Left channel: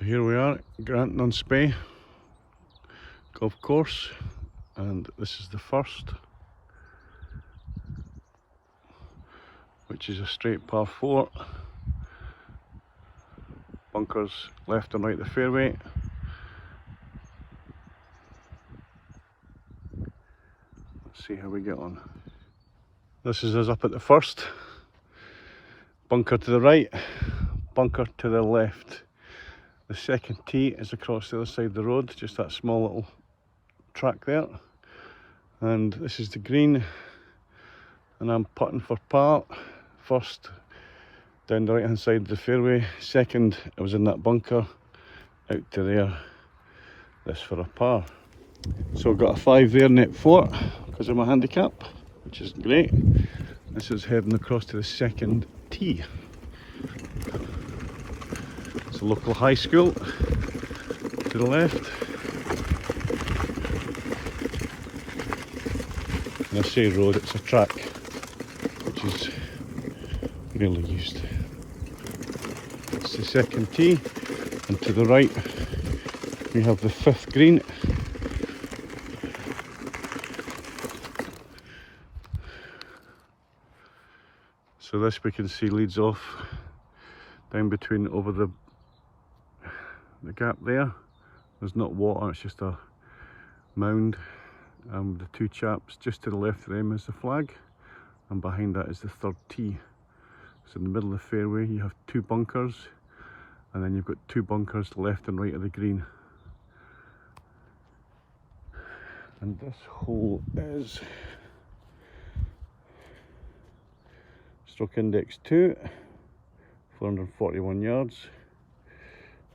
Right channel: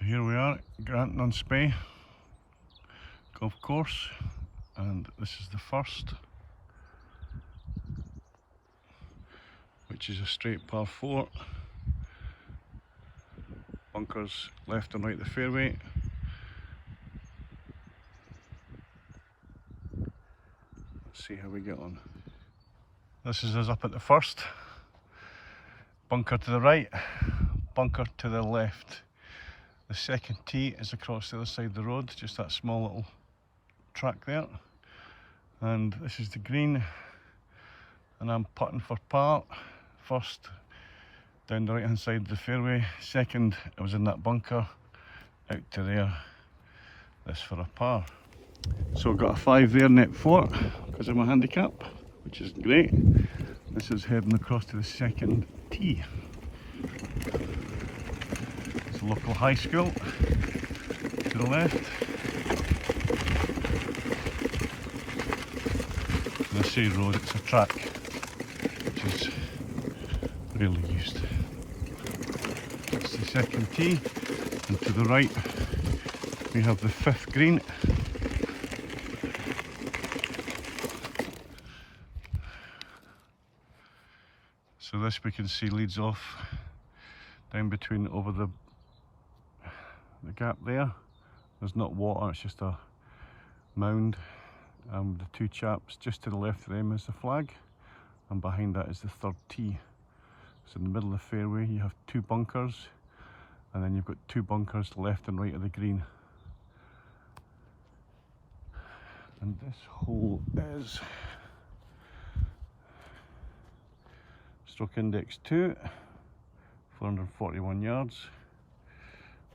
So here we are, Grantown on Spey Golf Course, and this is the first, which is a straight par 4. Bunkers left and right the fairway. Let's see how we get on. This is us up at the first. Bunker to the right, bunker to the left. The second tee is across the other side of the road, just that small little track there. And this is the green, and I'm putting for par. First, down the right hand side of the fairway. Second, I was in that bunker, out to there. This for a par. So I've got a 5 there, net 4, because of my handicap, which is great. This is heading across to the second tee. It's a local high school to the left. When I say road, it's a track, which is really used. It's the second tee, and to the right we have the 5th green. So this we can see leads off down between over the gap there. There's not water, it's just a mound. The 2 chaps just to the left of them is the flag, and behind that is the 3rd tee. So in the middle of the fairway you have 2 bunkers, and then you've got 2 bunkers left and right of the green. And this hole is stroke index 2, 441 yards.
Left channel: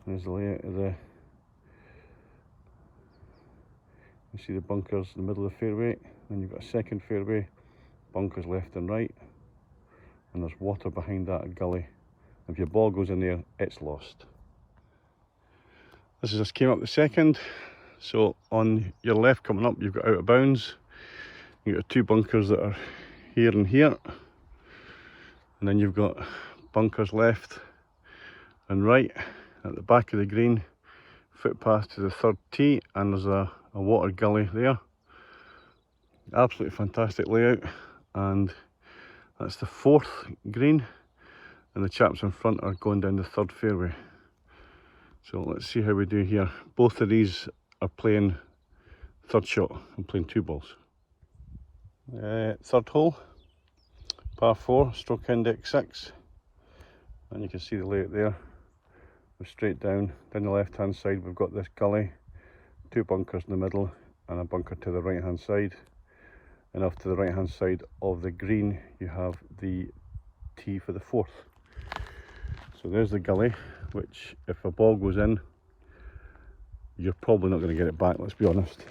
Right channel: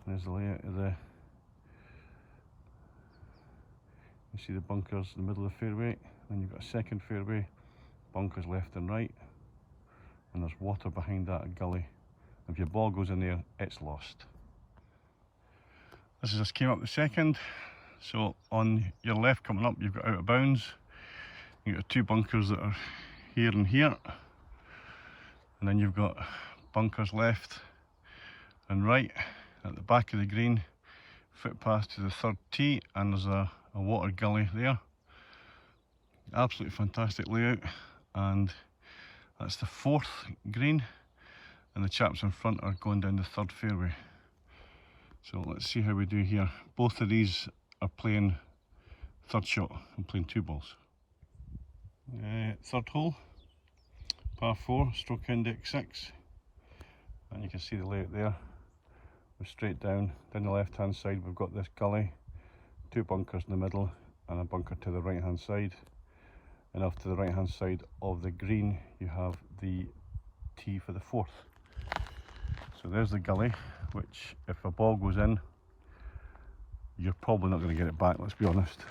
There's the layout of the, you see the bunkers in the middle of the fairway, then you've got a second fairway, bunkers left and right, and there's water behind that gully. If your ball goes in there, it's lost. This is just came up the second. So on your left coming up, you've got out of bounds. You've got 2 bunkers that are here and here, and then you've got bunkers left and right at the back of the green, footpath to the 3rd tee, and there's a water gully there. Absolutely fantastic layout, and that's the 4th green, and the chaps in front are going down the 3rd fairway. So let's see how we do here. Both of these are playing 3rd shot. I'm playing 2 balls. 3rd hole, par 4, stroke index 6, and you can see the layout there. We're straight down the left hand side, we've got this gully, 2 bunkers in the middle, and a bunker to the right hand side. And off to the right hand side of the green you have the tee for the 4th. So there's the gully, which if a ball goes in, you're probably not going to get it back, let's be honest.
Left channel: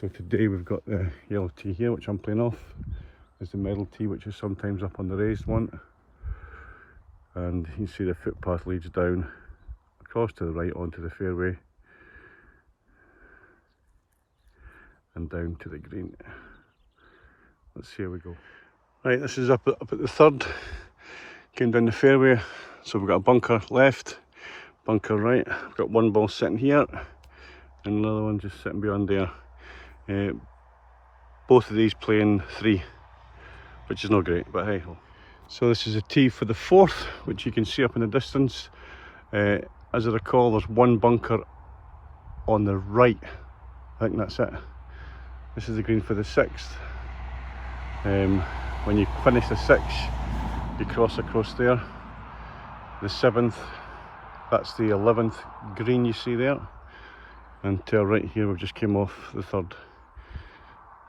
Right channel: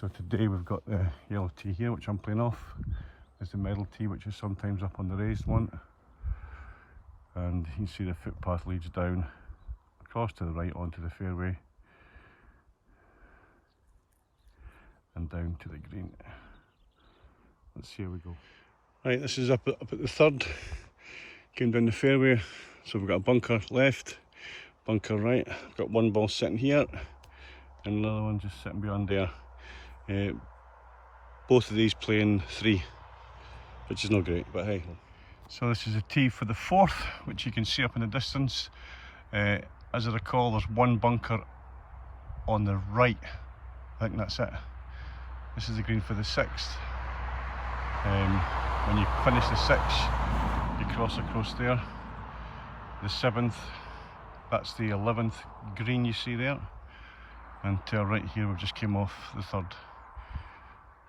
So today we've got the yellow tee here, which I'm playing off. There's the middle tee, which is sometimes up on the raised one. And you see the footpath leads down across to the right onto the fairway and down to the green. Let's see how we go. Right, this is up at the 3rd. Came down the fairway, so we've got a bunker left, bunker right. We've got 1 ball sitting here and another one just sitting beyond there. Both of these playing 3, which is not great, but hey ho. So this is a tee for the 4th, which you can see up in the distance. As I recall, there's 1 bunker on the right. I think that's it. This is the green for the 6th. When you finish the 6th, you cross across there. The 7th, that's the 11th green you see there. And to our right here, we've just came off the 3rd.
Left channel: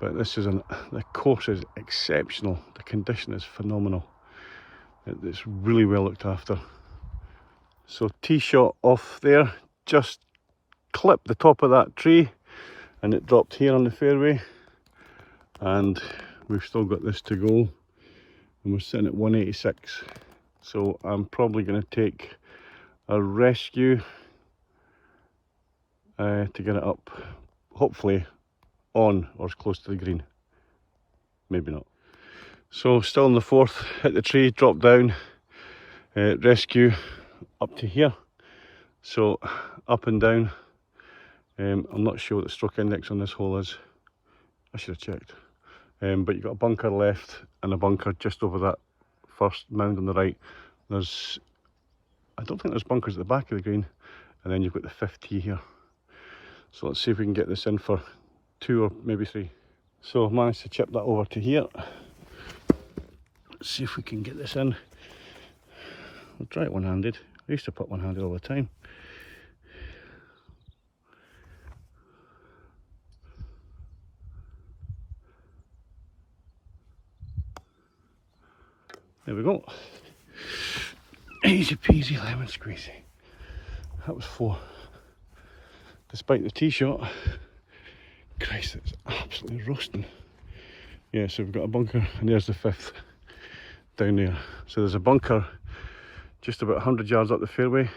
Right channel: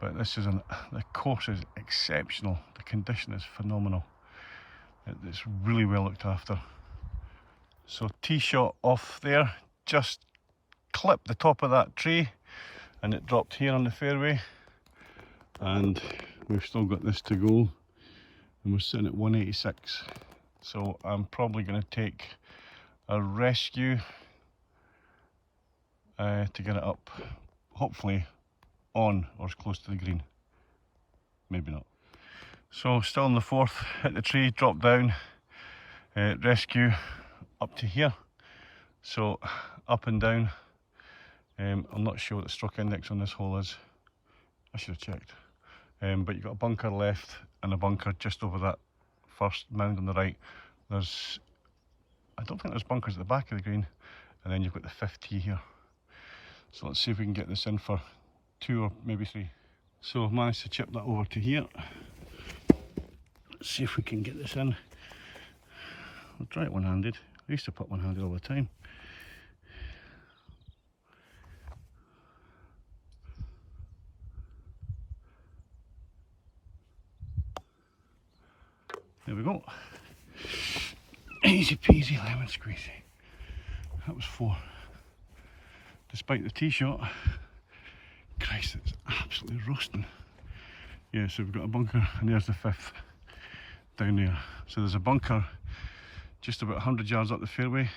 But this is the course is exceptional. The condition is phenomenal. It's really well looked after. So tee shot off there, just clipped the top of that tree, and it dropped here on the fairway. And we've still got this to go, and we're sitting at 186. So I'm probably going to take a rescue to get it up, hopefully on or as close to the green. Maybe not. So still in the 4th, hit the tree, drop down, rescue up to here, So up and down. I'm not sure what the stroke index on this hole is. I should have checked. But you've got a bunker left and a bunker just over that first mound on the right. I don't think there's bunkers at the back of the green, and then you've got the fifth tee here. So let's see if we can get this in for 2 or maybe 3. So I've managed to chip that over to here. Let's see if we can get this in. I'll try it one-handed. I used to put one-handed all the time. There we go. Easy peasy lemon squeezy. That was 4. Despite the tee shot. Christ, it's absolutely rusting. Yeah, so we've got a bunker, and there's the 5th down there. So there's a bunker just about 100 yards up the fairway,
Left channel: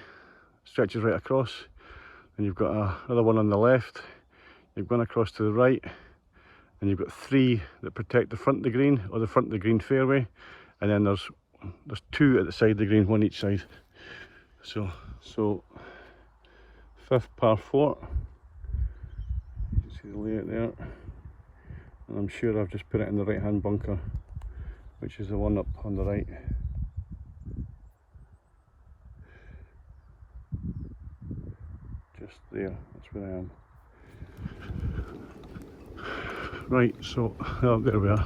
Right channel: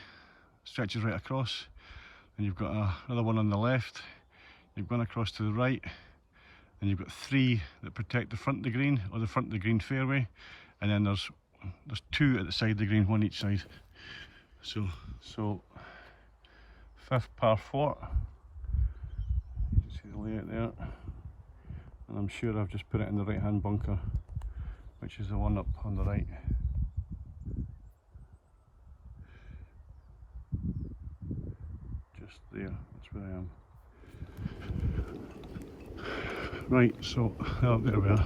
stretches right across, and you've got another one on the left. You've gone across to the right, and you've got 3 that protect the front of the green, or the front of the green fairway, and then there's 2 at the side of the green, one each side. So 5th par 4. You can see the layout there, and I'm sure I've just put it in the right hand bunker, which is the one up on the right. Just there, that's where I am. Right, so oh, there we are.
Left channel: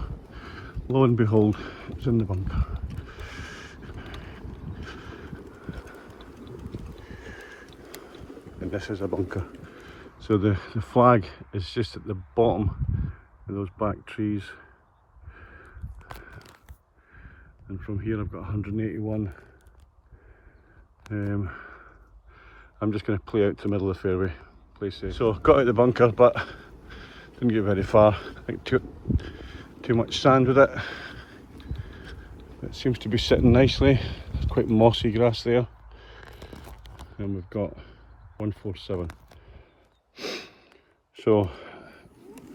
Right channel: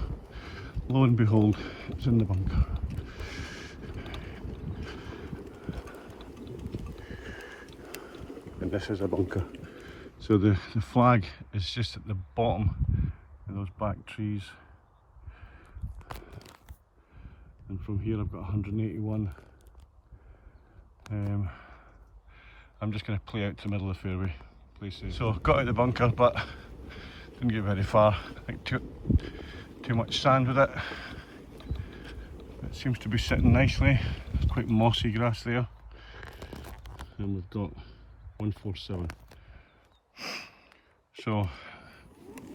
Lo and behold, it's in the bunker. And this is a bunker. So the flag is just at the bottom of those back trees. And from here I've got 181. I'm just going to play out to the middle of the fairway, play safe. So got out the bunker, but didn't get very far. I think too much sand with it. It seems to be sitting nicely. Quite mossy grass there. And we've got 147. So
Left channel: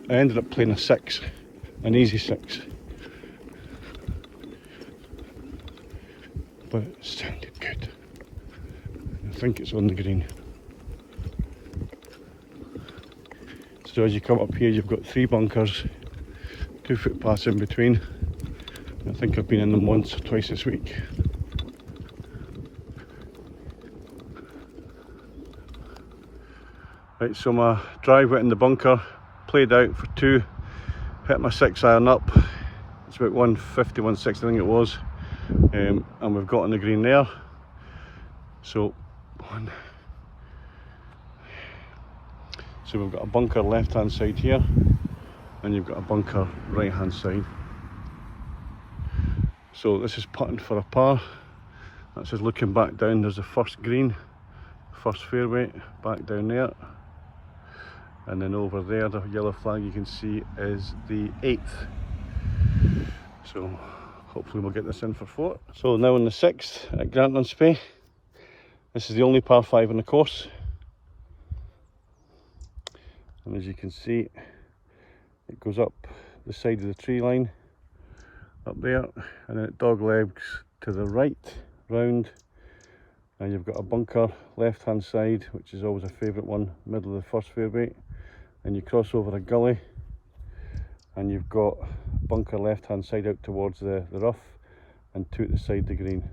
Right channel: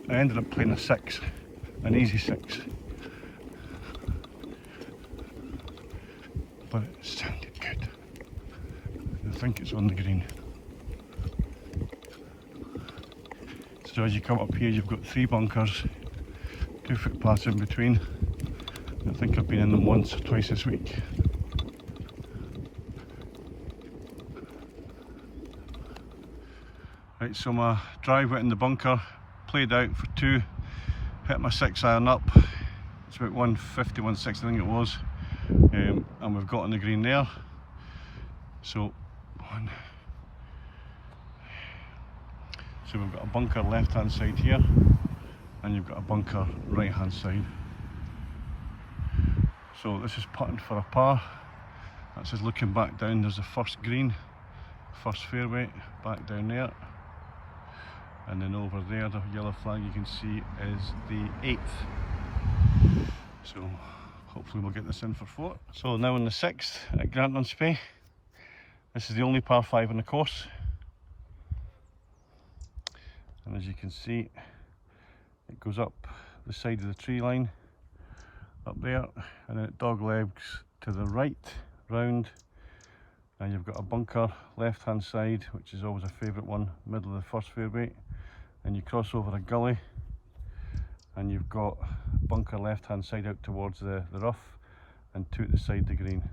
I ended up playing a 6, an easy 6. But it sounded good. I think it's on the green. So as you come up here, you've got 3 bunkers, 2 footpaths in between. I think I've been in them once or twice this week. Right, so my drive went in the bunker, played out for 2, hit my 6 iron up. It's about 150, 160 I think it was. And we've got on the green there. So we've got a bunker left hand side here, and you've got a bunker right hand side. So this is putting for a par. That's just looking back down. There's the first green, first fairway, back down there. And then over there, the yellow flag you can see is the 8th. So hopefully we'll get this in for 4. So now on the 6th at Grantown Spey. This is the only par 5 in the course. And as you can see, it goes up the side of the tree line, up there, and then it dog legs to the right, round, and you've got a bunker left hand side, which is always a favourite one, middle of the first fairway, and you cross over a gully, and you've got a bunker left hand side out towards the rough, and 2 at the side of the green.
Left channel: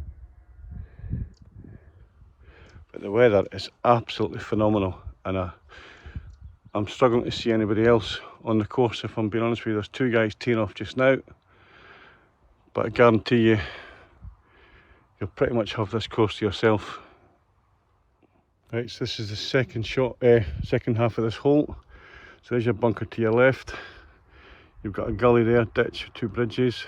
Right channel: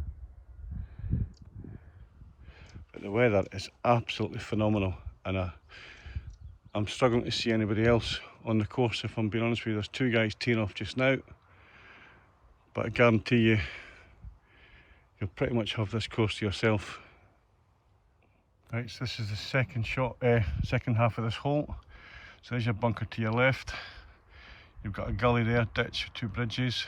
But the weather is absolutely phenomenal, and I'm struggling to see anybody else on the course, if I'm being honest with you. There's 2 guys teeing off just now, but I guarantee you, you'll pretty much have this course to yourself. Right, so this is the second half of this hole. So there's your bunker to your left. You've got a gully there, ditch, 2 bridges.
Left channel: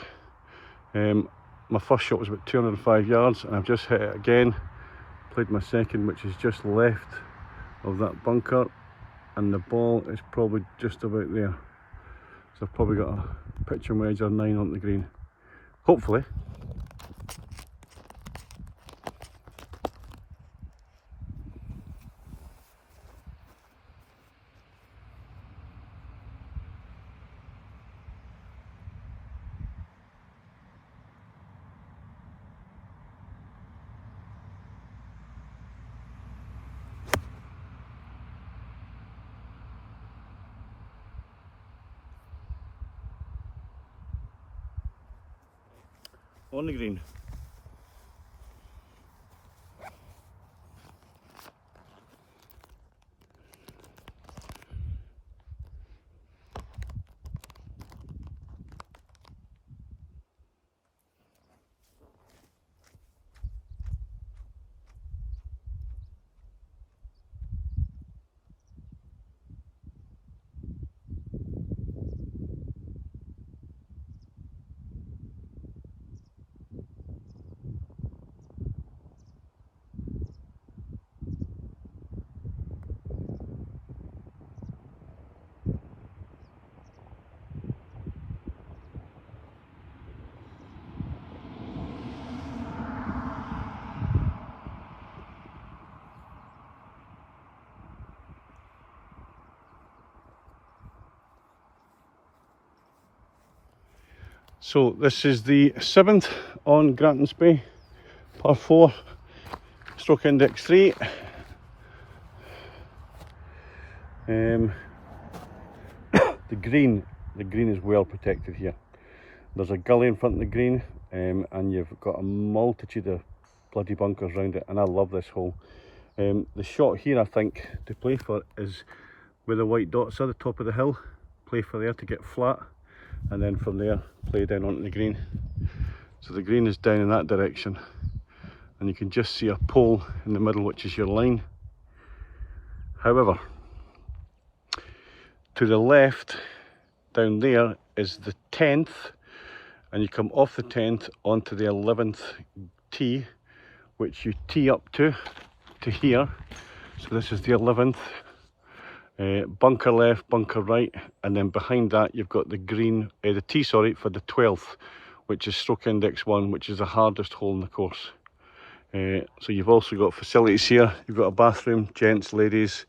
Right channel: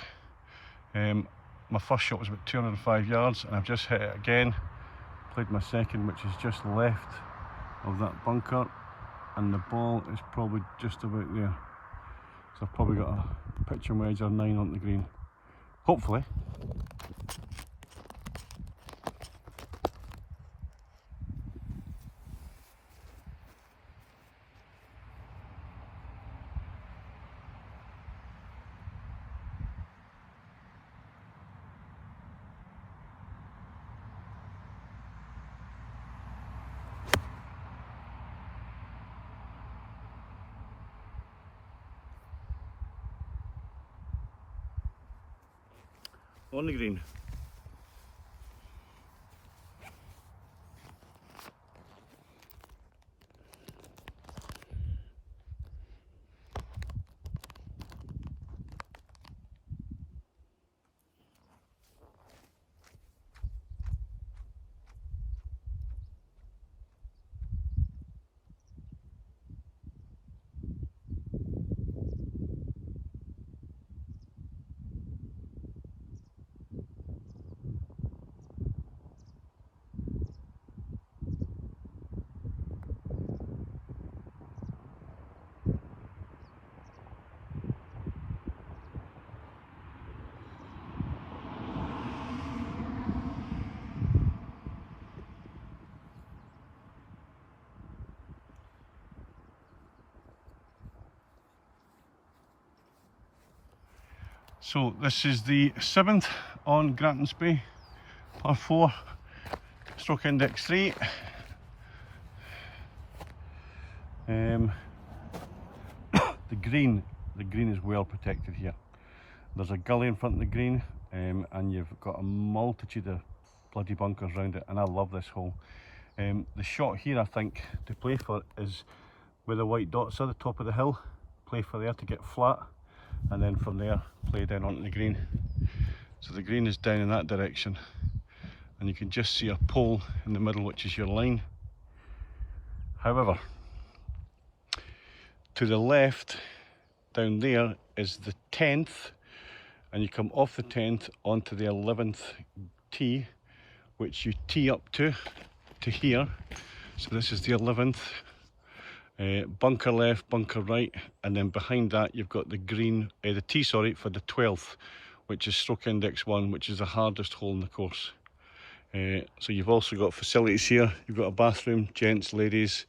My first shot was about 205 yards, and I've just hit it again. Played my second, which is just left of that bunker, and the ball is probably just about there. So I've probably got a pitching wedge or 9 on the green, hopefully. on the green. So this is the 7th on Grantown Spey, par 4, stroke index 3. The green is well protected here. There's a gully in front of the green, and you've got a multitude of bloody bunkers around it, and I love this hole. The shot here, I think, to play for is where the white dots are, the top of the hill. Play for there to get flat, and then from there play down onto the green. So the green is down in that direction, and you can just see a pole in the middle, which is your line. However, to the left down there is the 10th, and you come off the 10th onto the 11th tee, which you tee up to here. So this is the 11th. Bunker left, bunker right, and then behind that you've got the green, the tee, sorry, for the 12th, which is stroke index 1, which is the hardest hole in the course. So you've also got facilities here. You've got a bathroom, gents, ladies,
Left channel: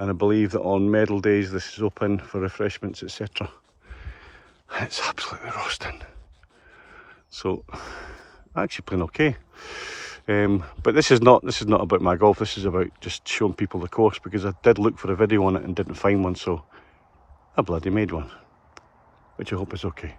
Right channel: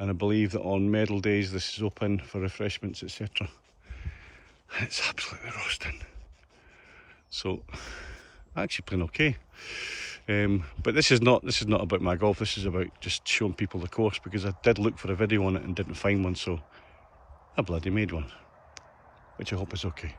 and I believe that on medal days this is open for refreshments, etc. It's absolutely roasting. So actually playing okay. But this is not about my golf. This is about just showing people the course, because I did look for a video on it and didn't find one, so I bloody made one, which I hope is okay.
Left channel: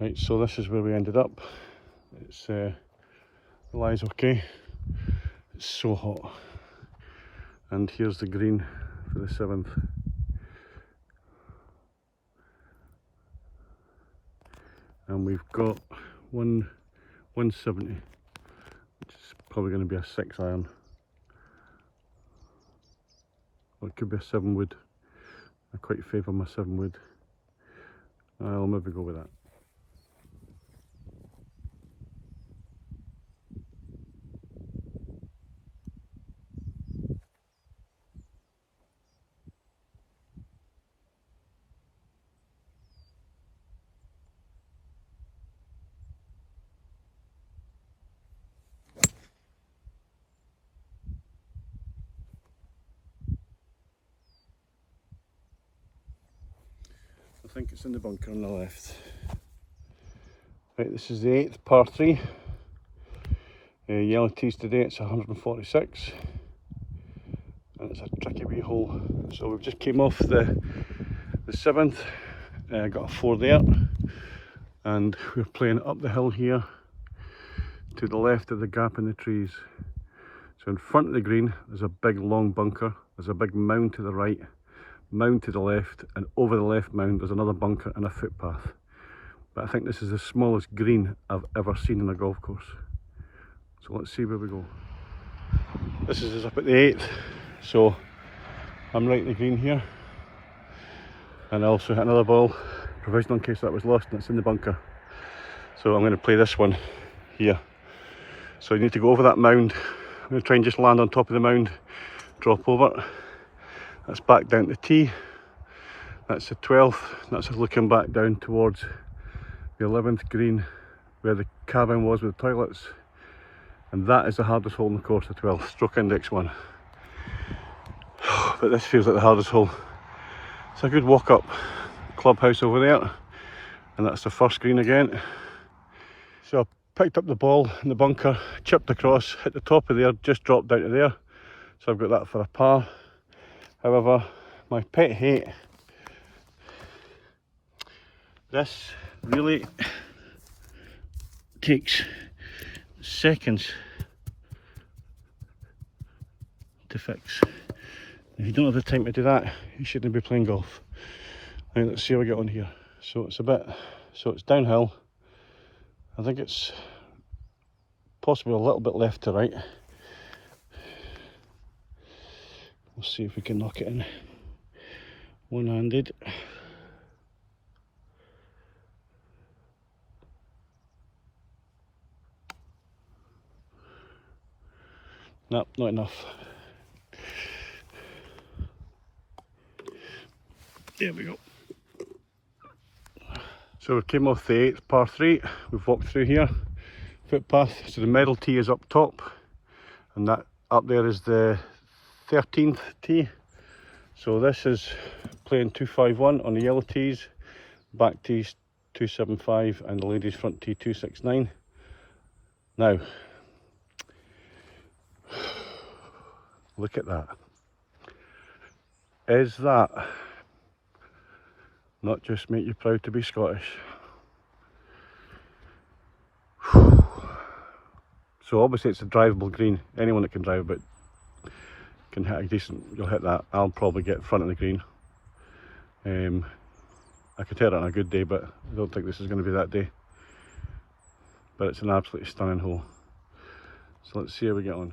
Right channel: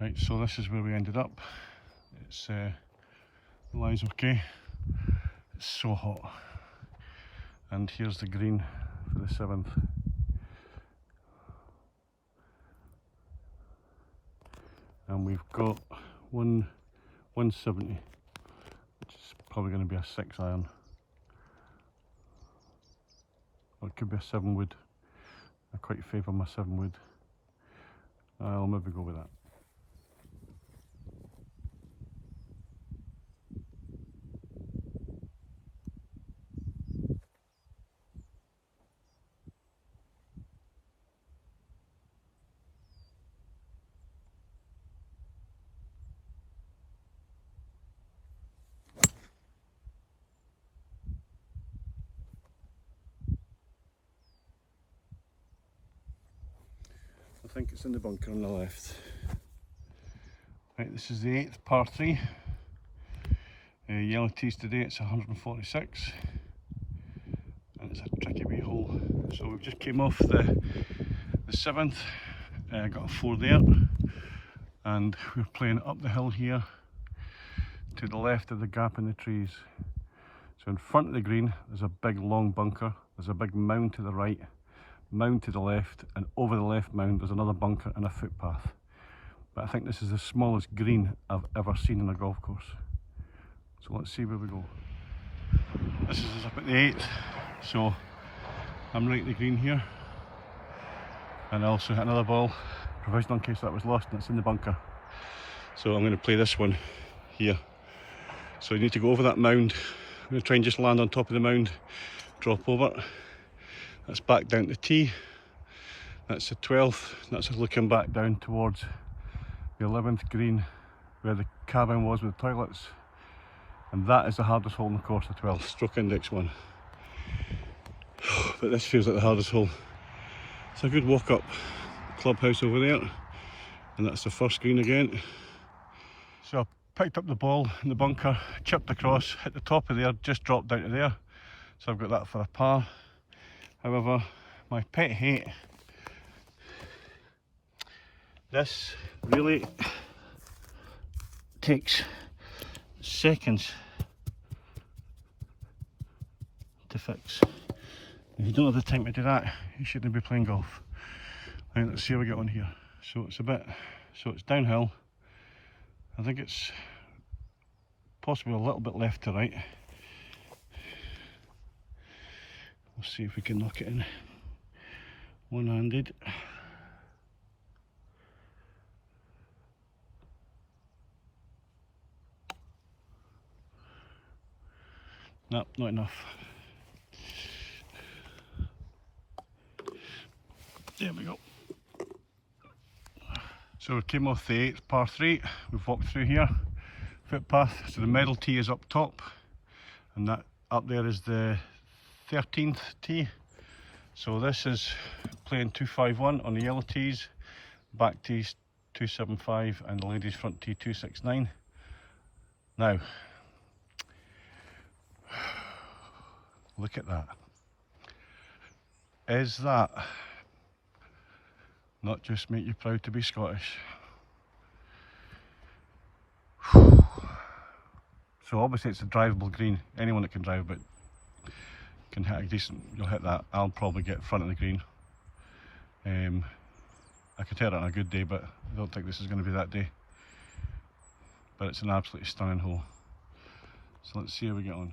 Right, so this is where we ended up. It's lies okay. It's so hot. And here's the green for the 7th. And we've got 170, which is probably going to be a 6 iron. Or it could be a 7 wood. I quite favour my 7 wood. I'll maybe go with that. I think it's in the bunker on the left. Right, this is the 8th, par 3. Yellow tees today, it's 146. And it's a tricky wee hole. So we've just came off the 7th. Got a 4 there. And we're playing up the hill here to the left of the gap in the trees. So in front of the green, there's a big long bunker. There's a big mound to the right, mound to the left, and over the left mound there's another bunker and a footpath. but I think this is the smallest green I've ever seen in a golf course. So let's see where we go. This is up at the 8th, so I'm right in the green here. And I also hit another ball, provisional in case that was lost, and it's in the bunker. So I'm going to play this one here. So you need to go over that mound. I'm going to try and just land on top of the mound, drop over. That's back down to the tee. That's the 12th. That's looking back down towards the 11th green where the cabin was with the toilets. And that is the hardest hole in the course, the 12th, stroke index 1. But this feels like the hardest hole. It's a good walk up clubhouse over there. And that's the first green again. So I picked up the ball in the bunker, chipped across, hit the top of there, just dropped down to there. So I've got that for a par. However, my pet hate, this really takes seconds to fix. If you don't have the time to do that, you shouldn't be playing golf. Right, let's see how we get on here. So it's downhill. I think it's possibly a little bit left to right. We'll see if we can knock it in one-handed. No, not enough. There we go. So we came off the 8th par 3, we've walked through here, footpath, so the medal tee is up top, and that up there is the 13th tee. So this is playing 251 on the yellow tees, back tees 275 and the ladies front tee 269. Now, look at that. Is that not just make you proud to be Scottish? So obviously it's a drivable green. Anyone that can drive but can hit a decent, you'll hit that. I'll probably get in front of the green. I could hit it on a good day, but I don't think this is going to be that day. But it's an absolutely stunning hole. So let's see how we get on.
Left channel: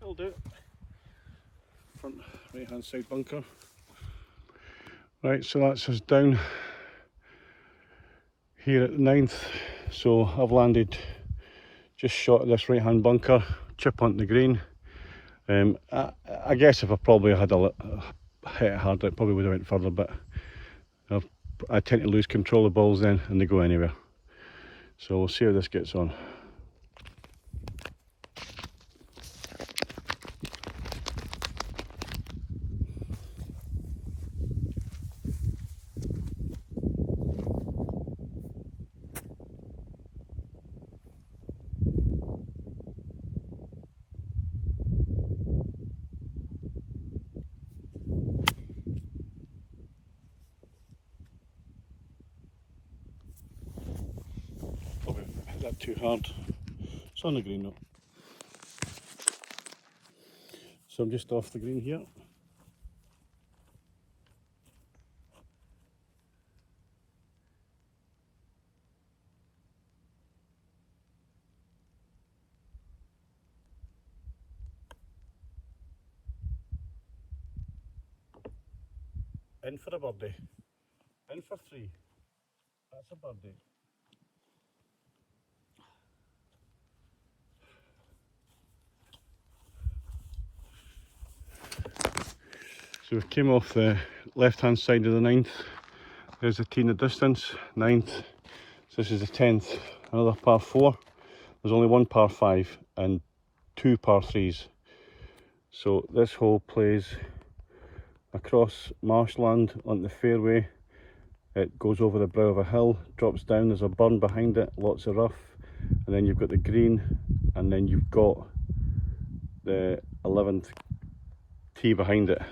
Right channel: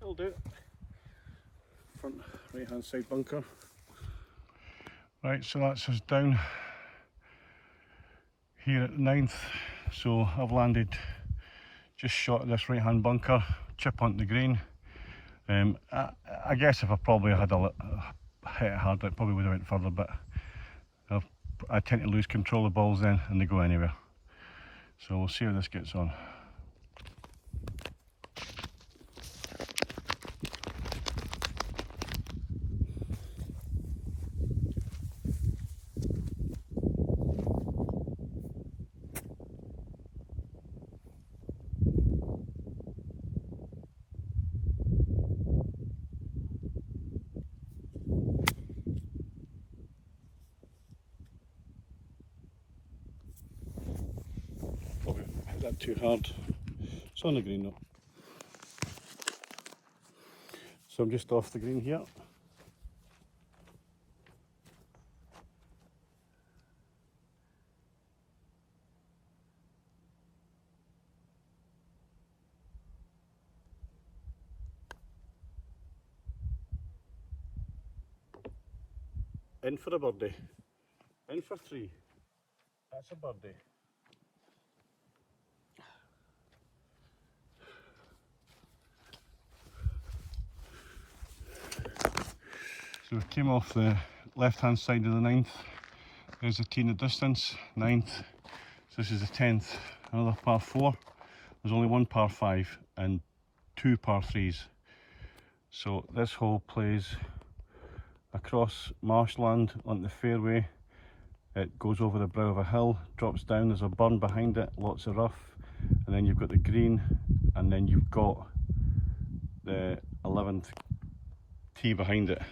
That'll do. Front right hand side bunker. Right, so that's us down here at the 9th. So I've landed just short of this right hand bunker, chip onto the green. I guess if I probably had hit it harder, it probably would have went further, but I tend to lose control of balls then and they go anywhere. So we'll see how this gets on. Probably hit that too hard. It's on the green though. So I'm just off the green here. In for a birdie. In for 3. That's a birdie. So we came off the left hand side of the 9th, There's the tee in the distance, 9th. So this is the 10th, another par 4. There's only one par 5 and 2 par 3s. So this hole plays across marshland on the fairway. It goes over the brow of a hill, drops down, there's a burn behind it, lots of rough, and then you've got the green, and then you've got the 11th tee behind it.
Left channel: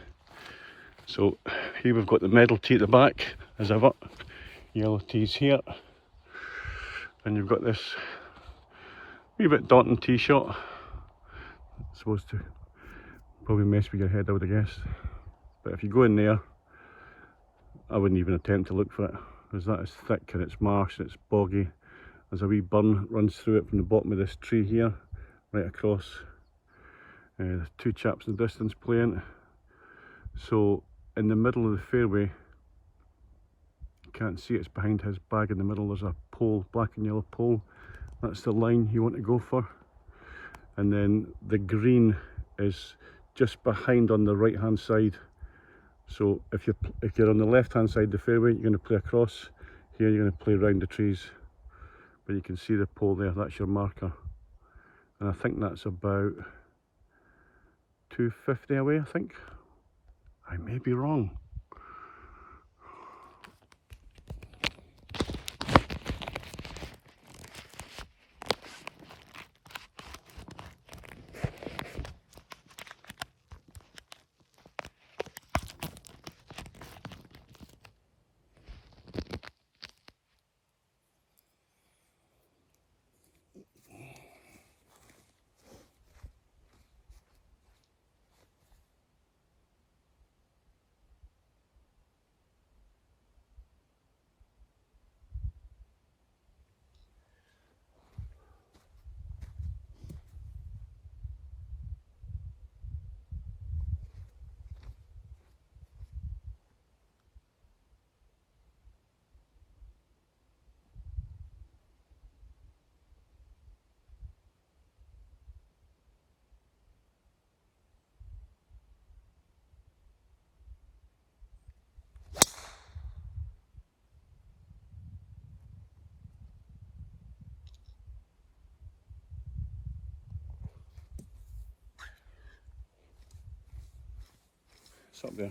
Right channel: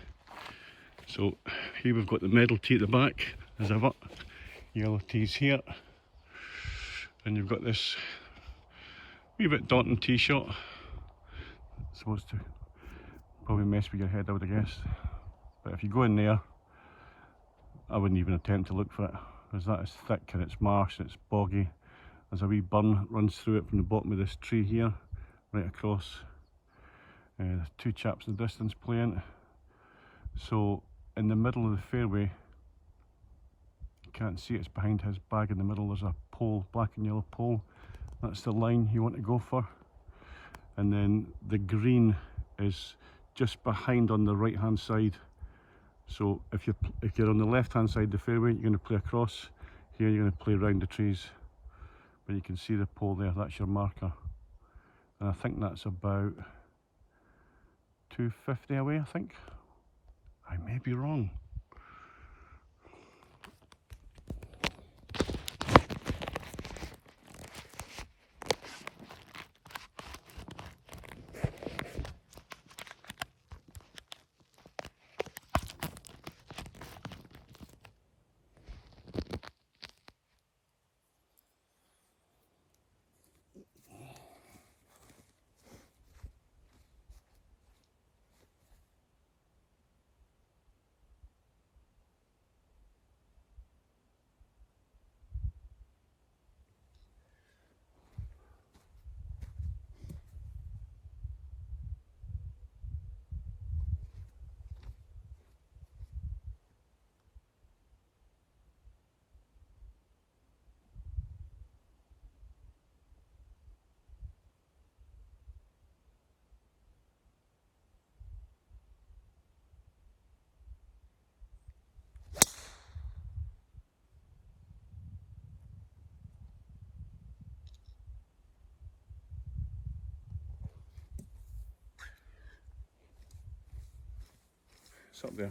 So here we've got the medal tee at the back, as ever, yellow tees here, and you've got this wee bit daunting tee shot. It's supposed to probably mess with your head, I would have guessed, but if you go in there, I wouldn't even attempt to look for it, because that is thick and it's marsh and it's boggy. There's a wee burn runs through it from the bottom of this tree here, right across. There's 2 chaps in the distance playing. So in the middle of the fairway, you can't see it's behind his bag in the middle, there's a pole, black and yellow pole. That's the line you want to go for. And then the green is just behind on the right hand side. So if you're on the left hand side of the fairway, you're going to play across. Here you're going to play around the trees. But you can see the pole there, that's your marker. And I think that's about 250 away, I think. I may be wrong. It's up there.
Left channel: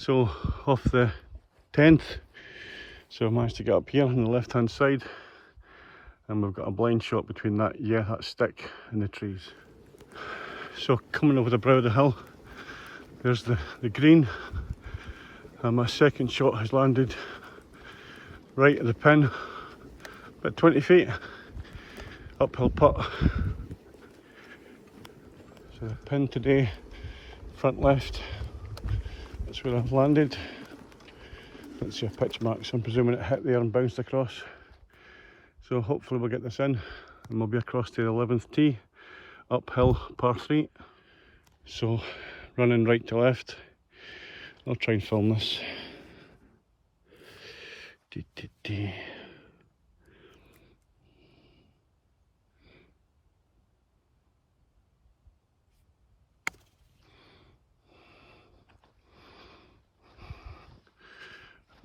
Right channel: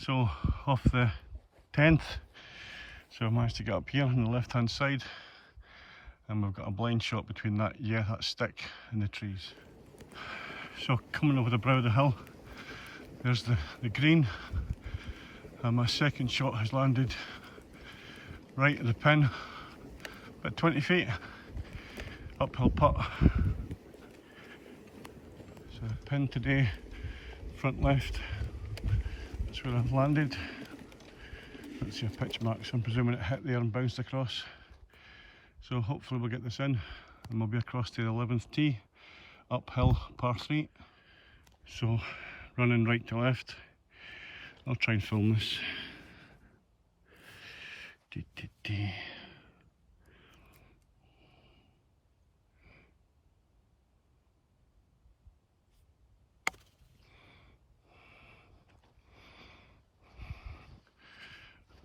So off the 10th, so I managed to get up here on the left hand side, and we've got a blind shot between that stick and the trees. So coming over the brow of the hill, there's the green, and my second shot has landed right at the pin, about 20 feet, uphill putt. So the pin today, front left. That's where I've landed. It's a pitch mark, so I'm presuming it hit there and bounced across. So hopefully we'll get this in and we'll be across to the 11th tee, uphill par 3. So running right to left. I'll try and film this.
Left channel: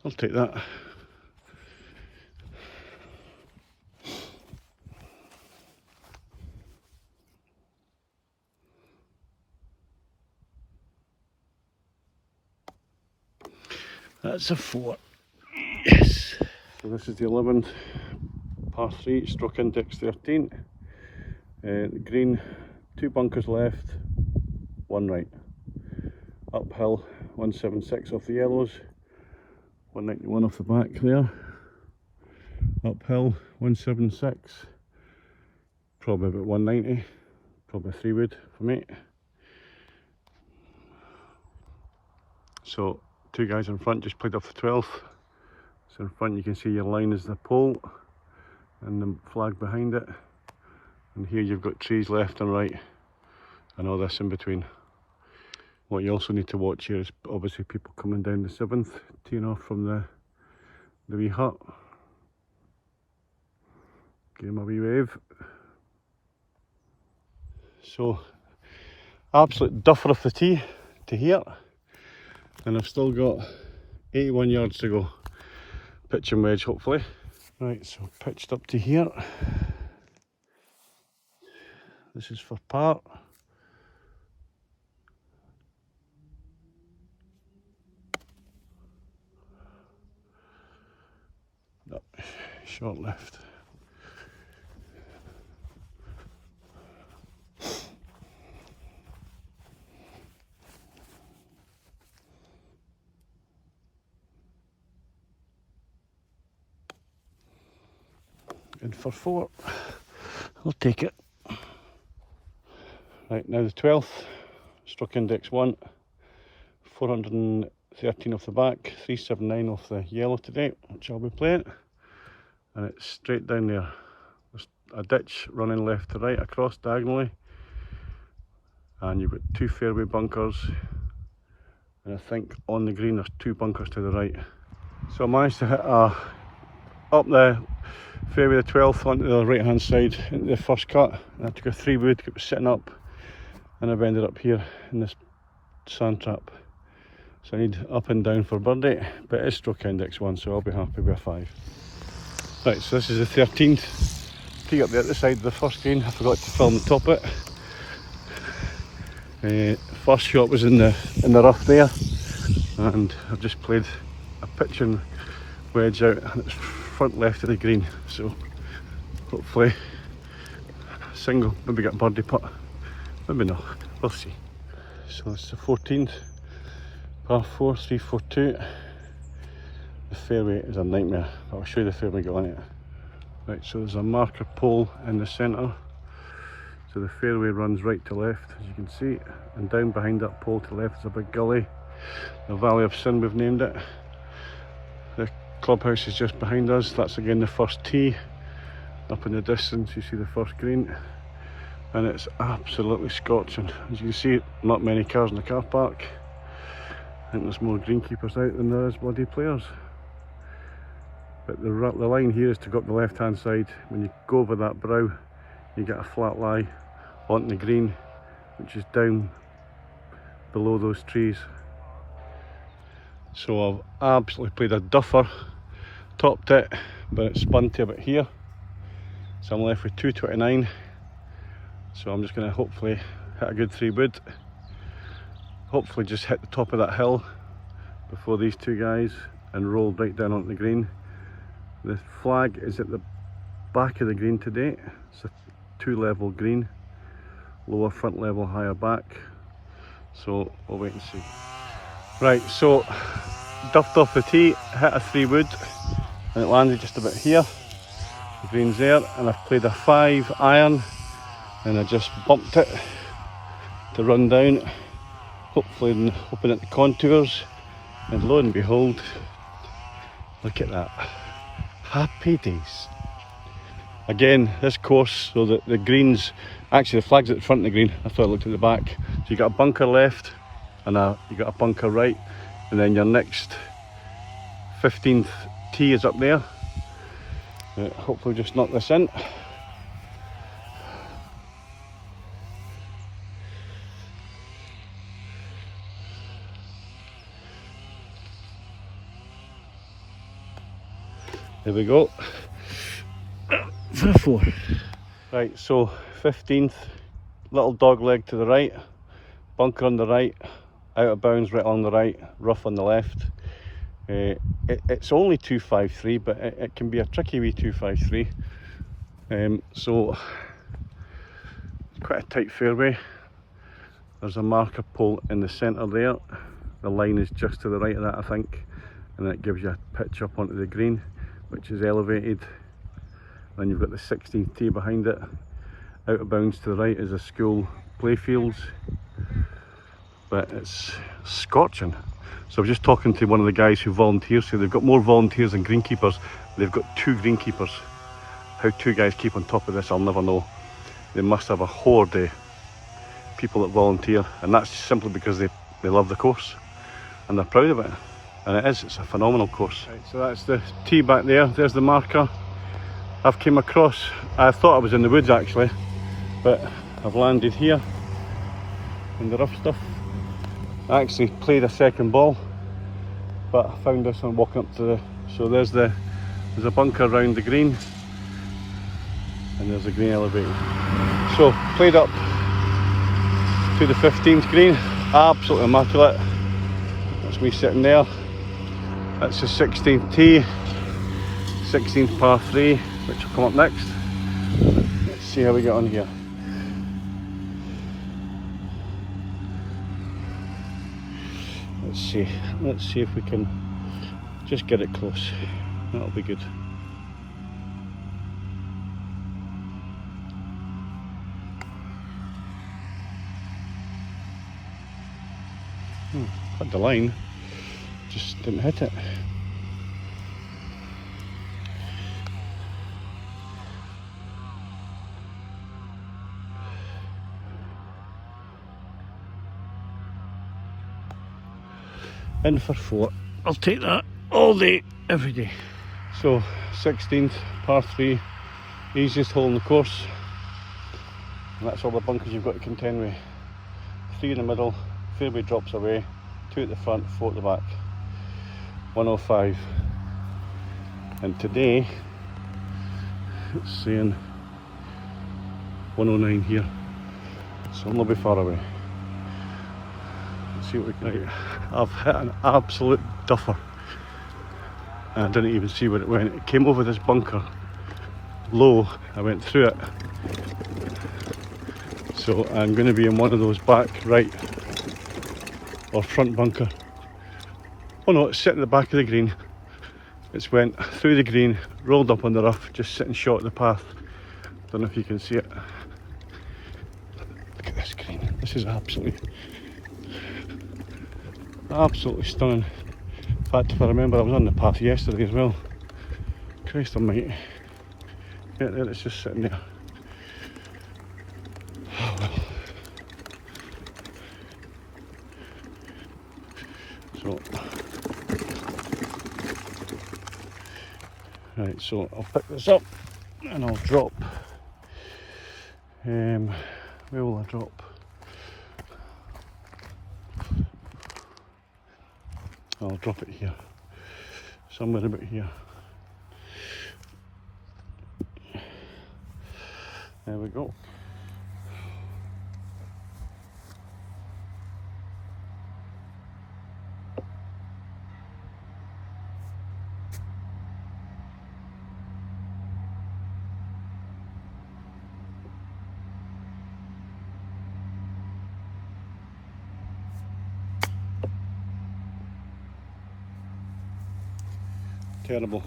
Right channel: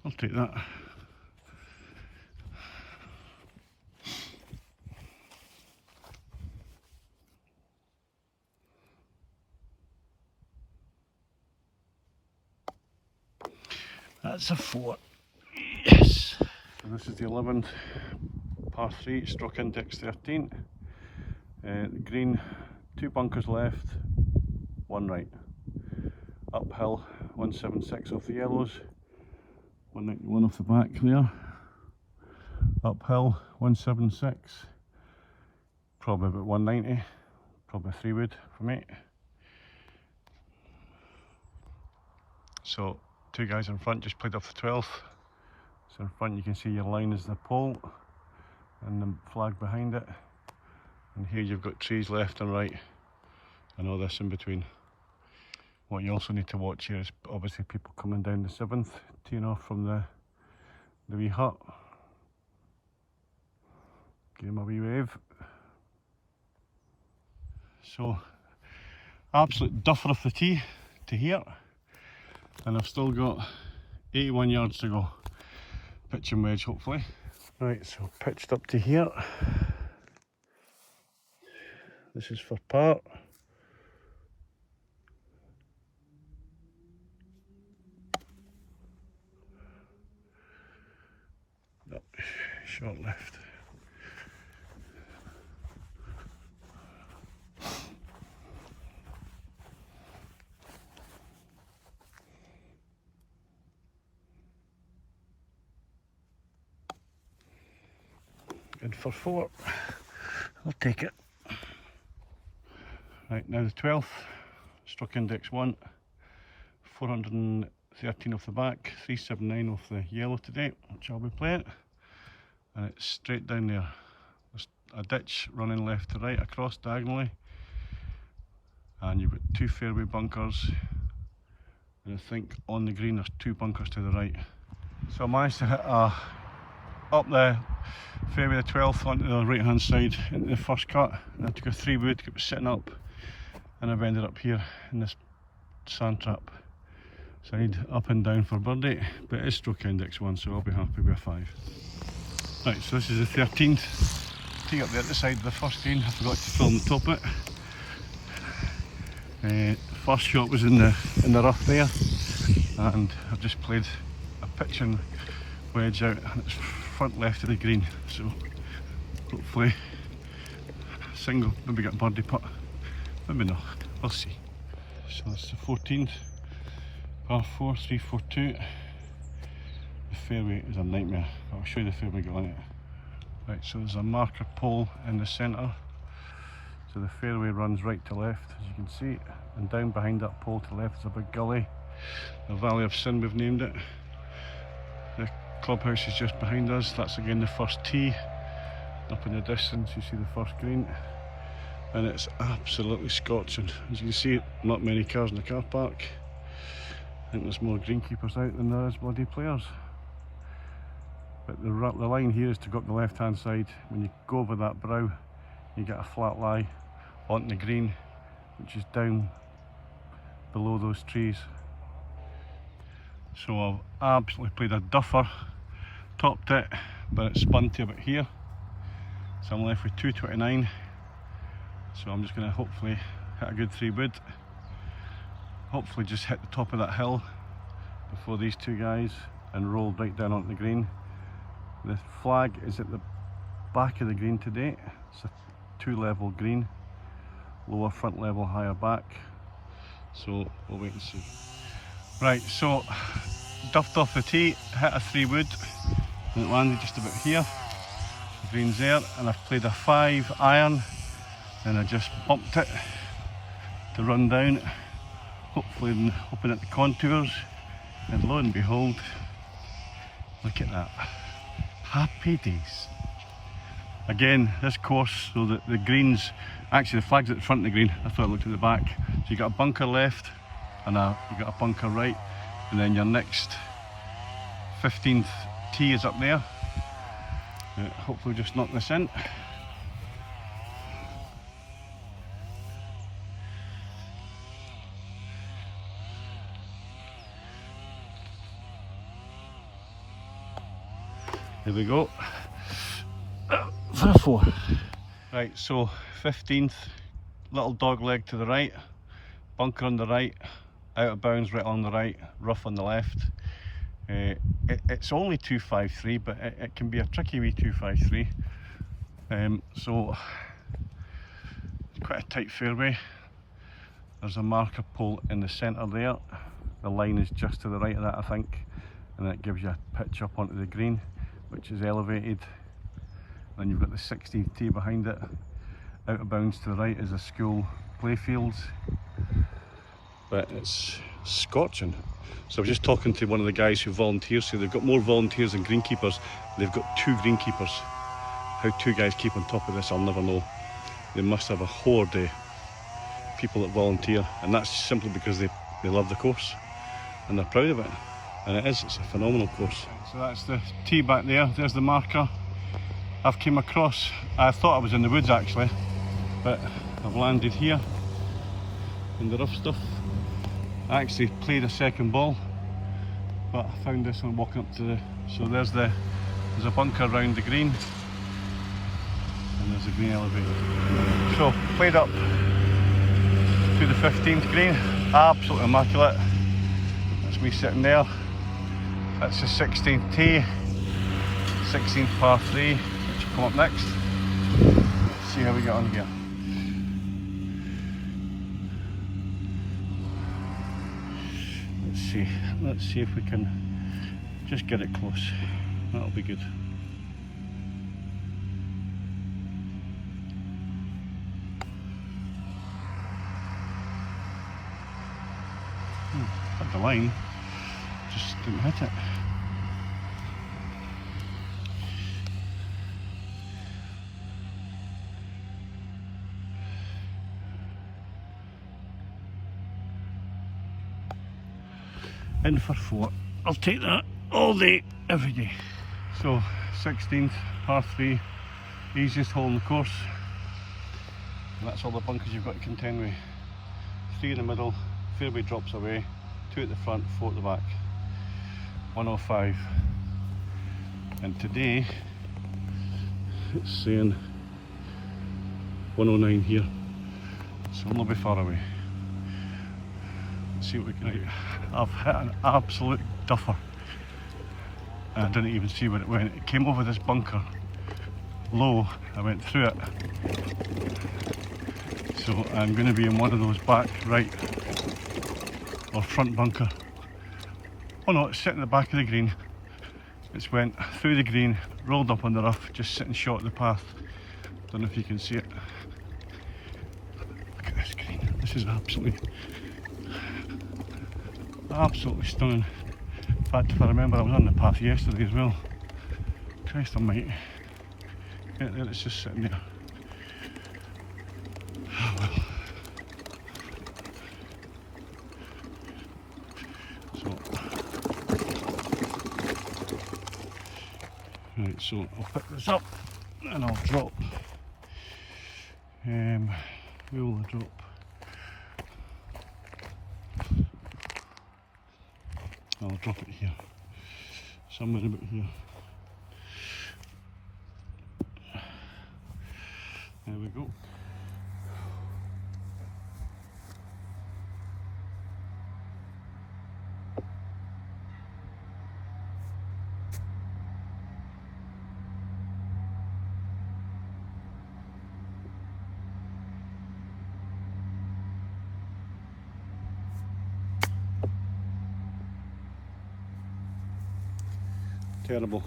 I'll take that. That's a 4. Yes. So this is the 11th par 3, stroke index 13. The green, 2 bunkers left, 1 right. Uphill 176 off the yellows, 191 off the back there. Uphill 176, probably about 190, probably a 3-wood for me. So 2 guys in front just played off the 12th. So in front you can see your line is the pole and the flag behind it, and here you've got trees left and right and all this in between. What you also need to watch here is obviously people coming down the 7th, teeing off from the wee hut. Give him a wee wave. So absolute duffer off the tee to here, and I've still got 81 yards to go, pitch and wedge hopefully. Right, so pitched up to here. This is for par. No, short left. And for 4, I'll take it. Right, now the 12th, stroke index 1, 413 off the back, 379 off the yellow today, which I'll be playing. And it's straight down there. There's a ditch running left to right across diagonally. And you've got 2 fairway bunkers. And I think on the green there's 2 bunkers to the right. So I managed to hit up the fairway the 12th onto the right hand side into the first cut. And I took a 3-wood, it was sitting up, and I've ended up here in this sand trap. So I need up and down for birdie, but it is stroke index 1, so I'll be happy with a 5. Right, so this is the 13th. Tee up there at the side of the first green. I forgot to film the top of it. First shot was in the rough there, and I've just played a pitch and wedge out, and it's front left of the green. So hopefully single, maybe get a birdie putt, maybe not. We'll see. So it's the 14th, par 4, 342. The fairway is a nightmare. I'll show you the fairway got on it. Right, so there's a marker pole in the centre. So the fairway runs right to left, as you can see, and down behind that pole to left is a big gully. The Valley of Sin, we've named it. The clubhouse is just behind us. That's again the first tee. Up in the distance you see the first green, and it's absolutely scorching. As you can see, not many cars in the car park. I think there's more greenkeepers out than there is bloody players. But the line here is to go up the left hand side. When you go over that brow, you get a flat lie onto the green, which is down below those trees. So I've absolutely played a duffer, topped it, but it spun to about here. So I'm left with 229. So I'm just going to hopefully hit a good 3-wood. Hopefully just hit the top of that hill before these 2 guys and roll right down onto the green. The flag is at the back of the green today. It's a 2-level green, lower front level, higher back. So we'll wait and see. Right, so duffed off the tee, hit a 3-wood, and it landed just about here. The green's there, and I've played a 5 iron, and I just bumped it to run down, hopefully hoping at the contours, and lo and behold, look at that. Happy days. Again, this course, so that the greens, actually the flag's at the front of the green, I thought I looked at the back. So you got a bunker left, and you got a bunker right, and then your next 15th tee is up there. Hopefully just knock this in. There we go. For a 4. Right, so 15th, little dog leg to the right, bunker on the right, out of bounds right on the right, rough on the left. It's only 253, but it can be a tricky wee 253. So quite a tight fairway. There's a marker pole in the centre there. The line is just to the right of that, I think, and that gives you a pitch up onto the green, which is elevated. Then you've got the 16th tee behind it. Out of bounds to the right is the school playfields, but it's scorching. So I was just talking to one of the guys who volunteers, so they've got more volunteers than greenkeepers. They've got 2 greenkeepers. How 2 guys keep on top of this, I'll never know. They must have a horde of people that volunteer, and that's simply because they love the course and they're proud of it. And it's a phenomenal course. Right, so that's the tee back there, there's the marker. I've came across, I thought I was in the woods actually, but I've landed here in the rough stuff. I actually played a second ball, but I found this one walking up to the, so there's a bunker around the green, and there's a green elevated. So played up to the 15th green, absolutely immaculate. That's me sitting there. That's the 16th tee, 16th par 3, which will come up next. Let's see how we get on here. Let's see if we can just get it close. That'll be good. Hit the line, just didn't hit it. In for 4. I'll take that all day, every day. So 16th, par 3, easiest hole in the course. And that's all the bunkers you've got to contend with. 3 in the middle, fairway drops away, 2 at the front, 4 at the back. 105. And today, it's saying 109 here. So I'm not be far away. Let's see what we can do. I've hit an absolute duffer. And I didn't even see where it went. It came over this bunker low, I went through it. So I'm going to be in one of those back right or front bunker. Oh no, it's sitting at the back of the green. It's went through the green, rolled up on the rough, just sitting short of the path. Don't know if you can see it. Look at this green. This is absolutely stunning. In fact, if I remember, I was on the path yesterday as well. Christ almighty. Yeah, there it's just sitting there. Right, so I'll pick this up and I'll drop. Where will I drop? I'll drop it here, somewhere about here. There we go. Terrible.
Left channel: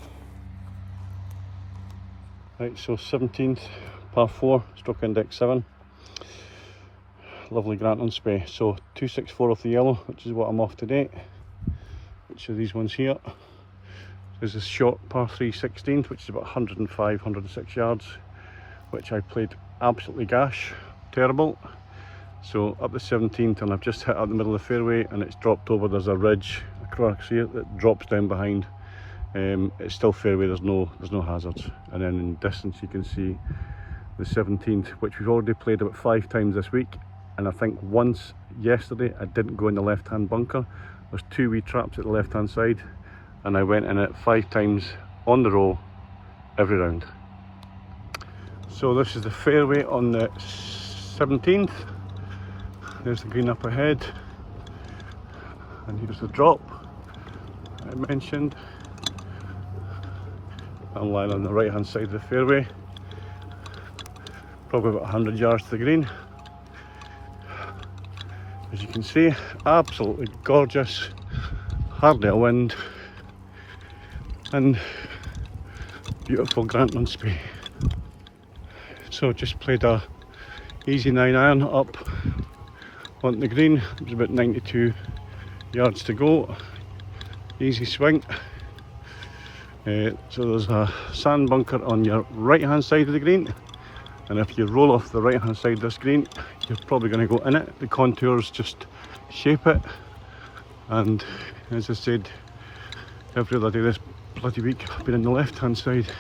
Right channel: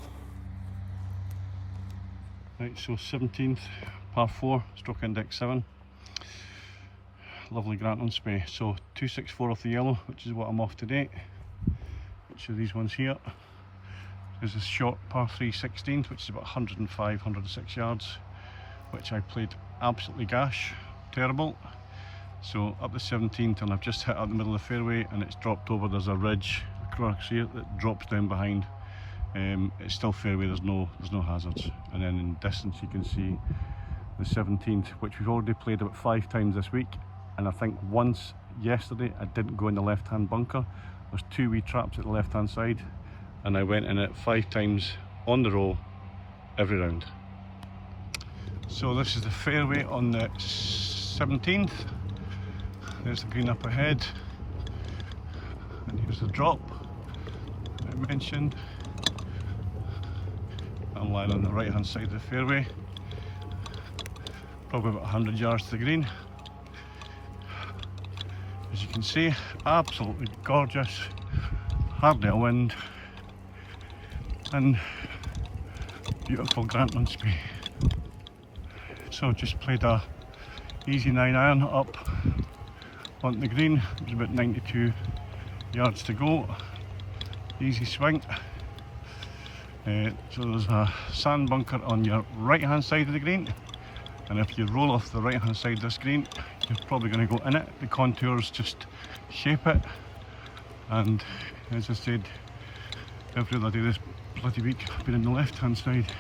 Right, so 17th, par 4, stroke index 7. Lovely Grantown Spey. So 264 off the yellow, which is what I'm off today. Which are these ones here. There's a short par 3 16th, which is about 105, 106 yards, which I played absolutely gash. Terrible. So up the 17th, and I've just hit out the middle of the fairway, and it's dropped over. There's a ridge across here that drops down behind. It's still fairway, there's no hazards. And then in distance you can see the 17th, which we've already played about 5 times this week, and I think once yesterday I didn't go in the left hand bunker. There's 2 wee traps at the left hand side, and I went in it 5 times on the roll every round. So this is the fairway on the 17th. There's the green up ahead, and here's the drop I mentioned. I'm lying on the right hand side of the fairway, probably about 100 yards to the green. As you can see, absolutely gorgeous, hardly a wind, and beautiful Grantown Spey. So just played a easy 9-iron up on the green. There's about 92 yards to go. Easy swing. So there's a sand bunker on your right hand side of the green, and if you roll off the right hand side of this green, you're probably going to go in it. The contours just shape it, and as I said, every other day this bloody week I've been on the left hand side.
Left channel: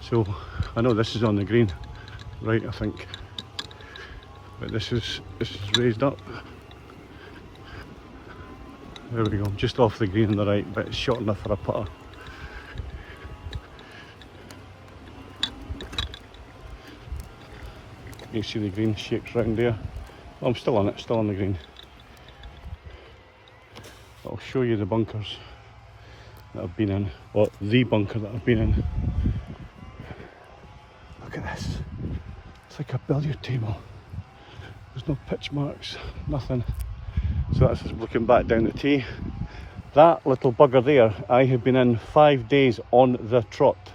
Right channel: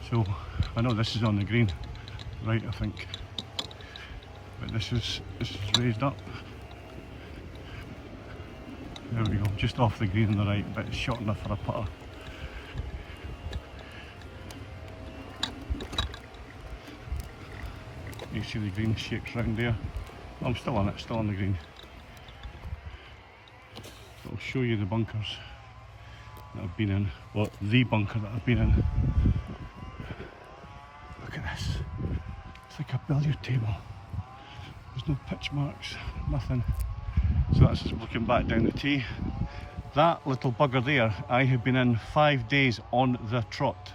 So I know this is on the green, right, I think, but this is raised up. There we go, just off the green on the right, but it's short enough for a putter. You can see the green shapes round there. Oh, I'm still on it, still on the green. I'll show you the bunkers that I've been in, or the bunker that I've been in. Look at this, it's like a billiard table. There's no pitch marks, nothing. So that's just looking back down the tee. That little bugger there, I have been in 5 days on the trot,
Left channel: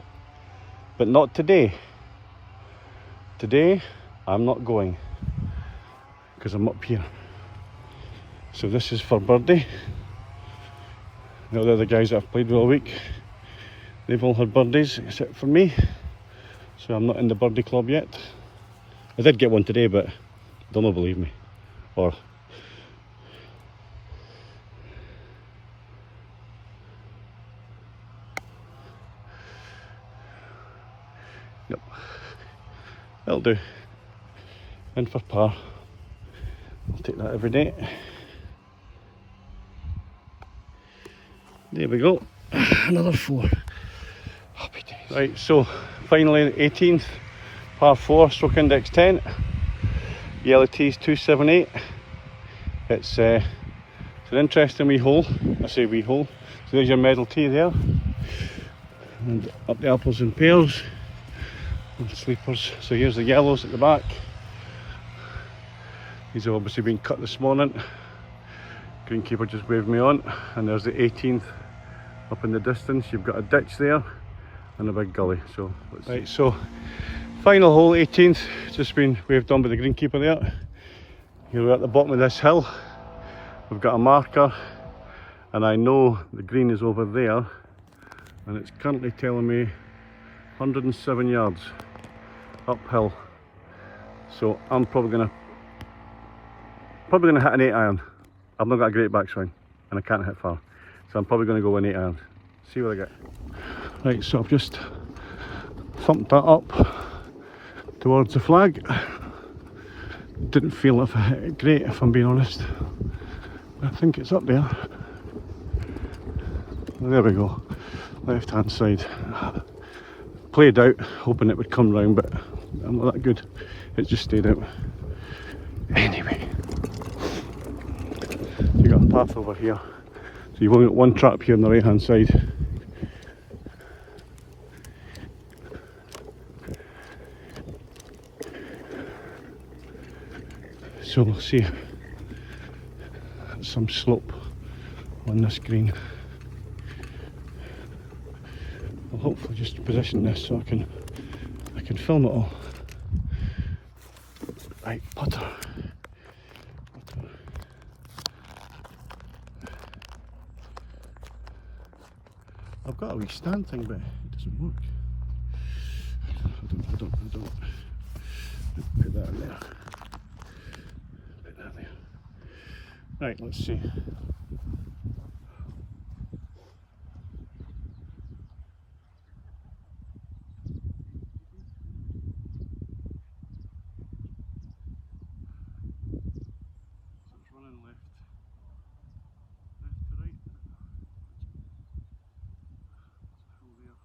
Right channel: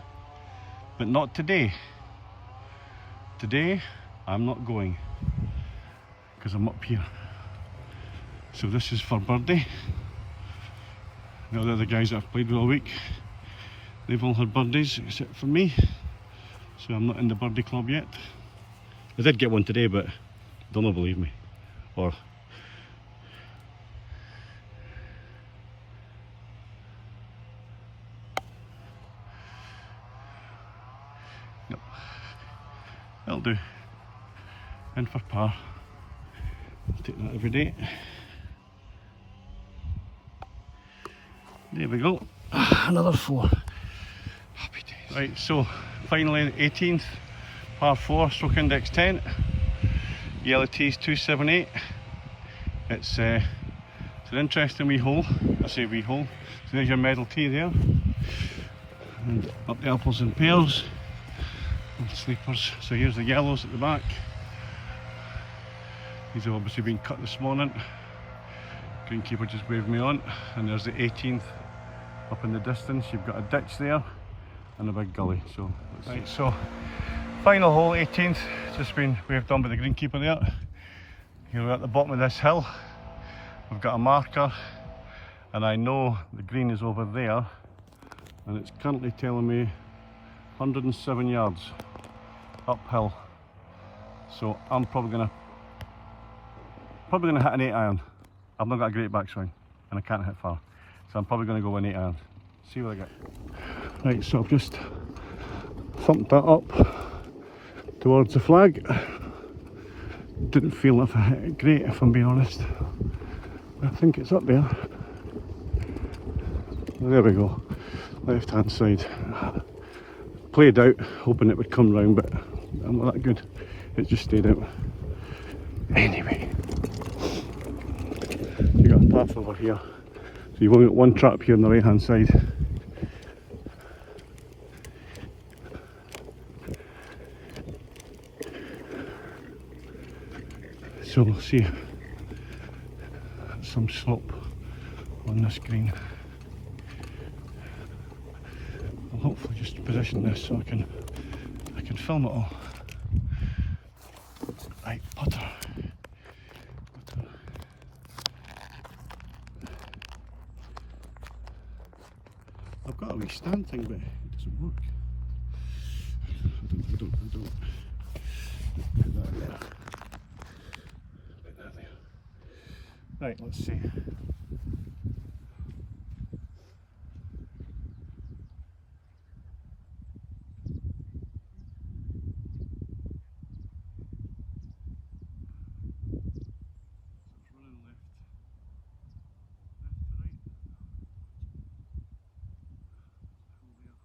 but not today. Today, I'm not going, because I'm up here. So this is for birdie. The other guys that I've played with all week, they've all had birdies except for me. So I'm not in the birdie club yet. I did get one today, but they'll not believe me. Or nope. That'll do. In for par. I'll take that every day. There we go. Another 4. Happy days. Right, so finally 18th, par 4, stroke index 10. Yellow tees 278. It's an interesting wee hole. I say wee hole. So there's your medal tee there. And up the apples and pears. And sleepers. So here's the yellows at the back. These have obviously been cut this morning. Greenkeeper just waved me on, and there's the 18th up in the distance. You've got a ditch there and a big gully. So right, so final hole, 18th, just been waved on by the greenkeeper there. Here we're at the bottom of this hill. We've got a marker, and I know the green is over there, and it's currently telling me 107 yards uphill. So I'm probably gonna hit an 8-iron. I've not got a great backswing and I can't hit far, so I'm probably going to go an 8-iron. See what I get. Right, so I've just thumped that up towards the flag. Didn't feel if I hit it great, if I'm being honest. I think it's up there. Well, there we go, left hand side. Played out, hoping it would come round, but I'm not that good. It just stayed out. Anyway. You got a path over here, so you've only got one trap here on the right hand side. So we'll see some slope on this green. I'll hopefully just position this so I can film it all. Right, putter. I've got a wee stand thing, but it doesn't work. I don't. Put that in there. Put that there. Right, let's see. It's running left to right. There.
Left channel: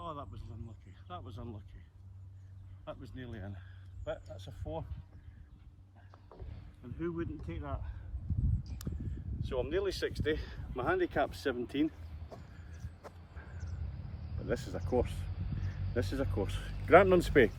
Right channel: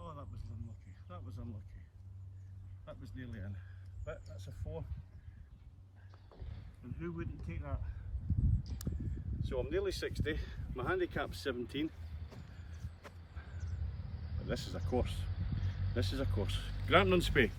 Oh, that was unlucky. That was unlucky. That was nearly in. But that's a 4. And who wouldn't take that? So I'm nearly 60, my handicap's 17. But this is a course. This is a course. Grantown on Spey.